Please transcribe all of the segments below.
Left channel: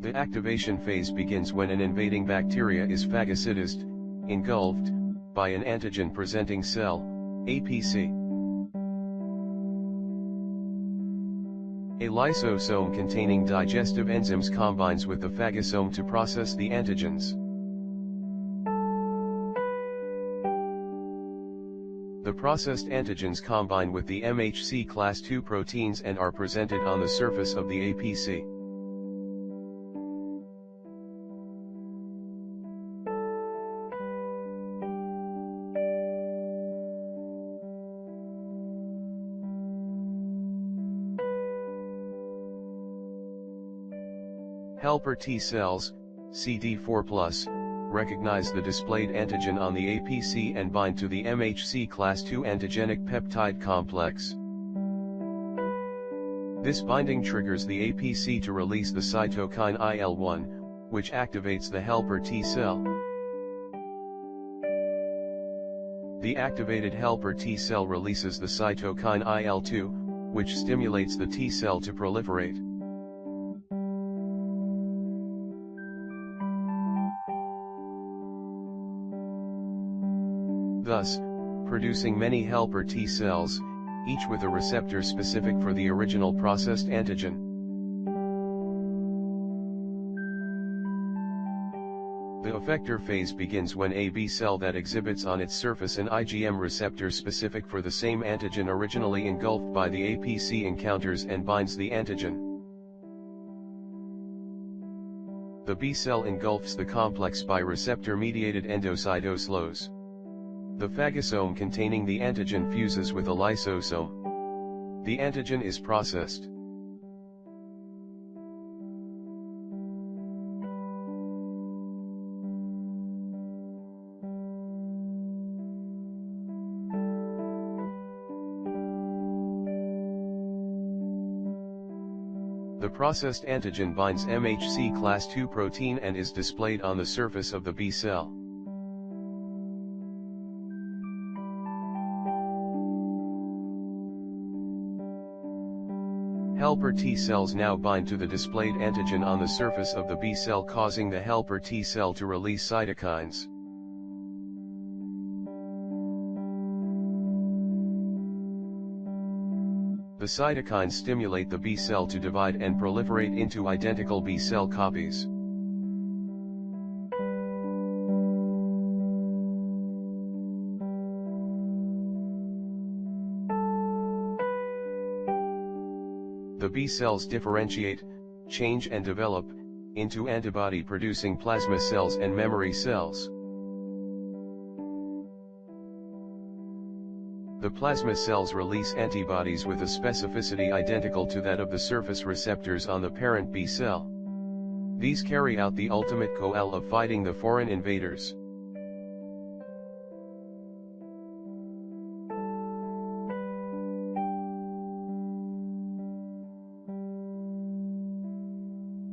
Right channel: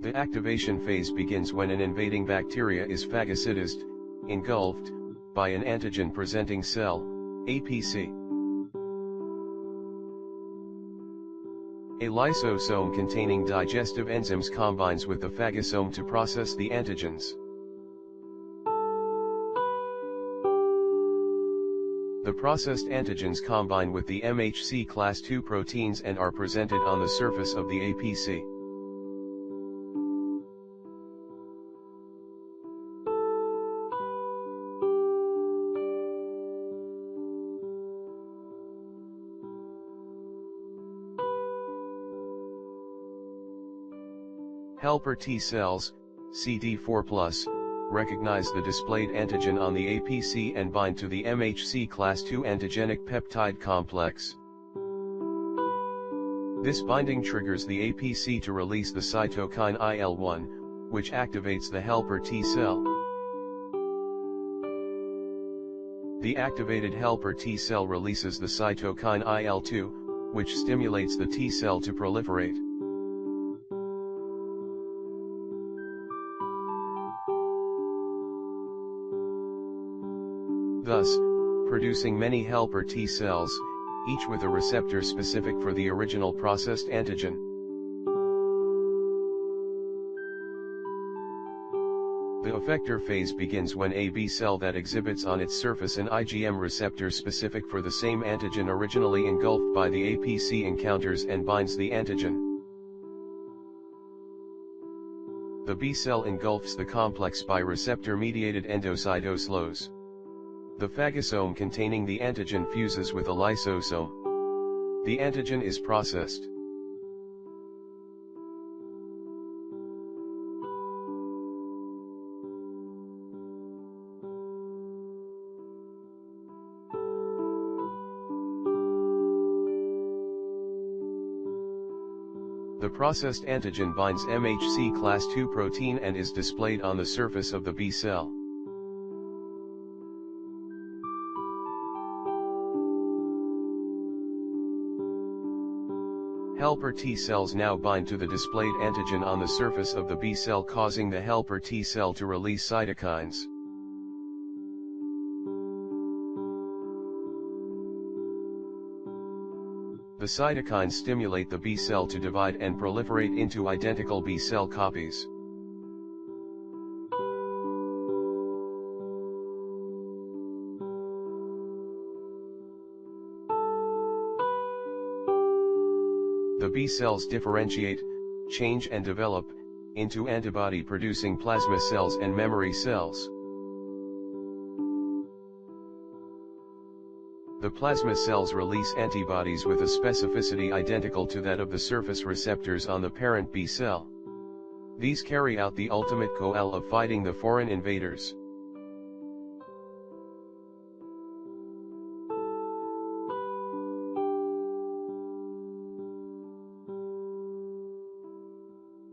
The activation phase begins when an invading bacteria is phagocytized, engulfed, by an antigen-presenting cell, APC. A lysosome containing digestive enzymes combines with the phagosome to process the antigens. The processed antigens combine with the MHC class II proteins and are presented on the surface of the APC. Helper T cells, CD4+, recognize the displayed antigen on the APC and bind to the MHC class II antigenic peptide complex. This binding triggers the APC to release the cytokine IL-1, which activates the helper T cell. The activated helper T cell releases the cytokine IL-2, which stimulates the T cell to proliferate. Thus, producing many helper T cells, each with a receptor specific for the original processed antigen. The effector phase begins when a B cell that exhibits on its surface an IgM receptor specific for the same antigen originally engulfed by the APC encounters and binds the antigen. The B cell engulfs the complex by receptor-mediated endocytosine. The phagosome containing the antigen fuses with a lysosome. The antigen is processed. The processed antigen binds MHC class II protein and is displayed on the surface of the B cell. Helper T cells now bind to the displayed antigen on the surface of the B cell, causing the helper T cell to release cytokines. The cytokines stimulate the B cell to divide and proliferate into identical B cell copies. The B cells differentiate, change and develop, into antibody-producing plasma cells and memory cells. The plasma cells release antibodies with a specificity identical to that of the surface receptors on the parent B cell. These carry out the ultimate goal of fighting the foreign invaders.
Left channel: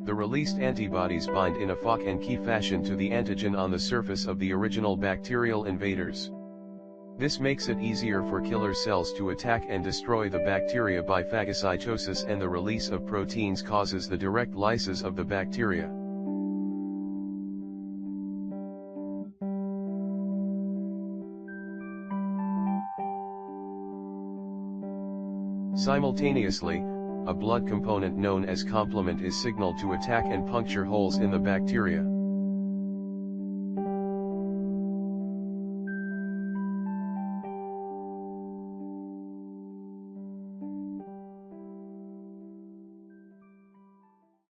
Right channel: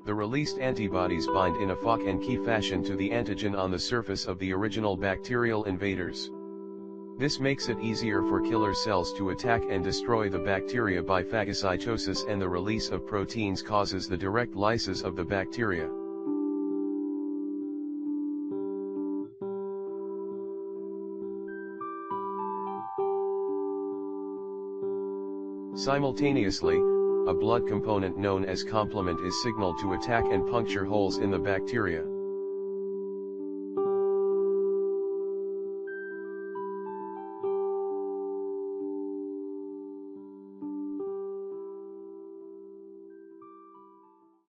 The released antibodies bind in a lock and key fashion to the antigen on the surface of the original bacterial invaders. This makes it easier for killer cells to attack and destroy the bacteria by phagocytosis, and the release of proteins causes the direct lysis of the bacteria. Simultaneously, a blood component known as complement is signaled to attack and puncture holes in the bacteria.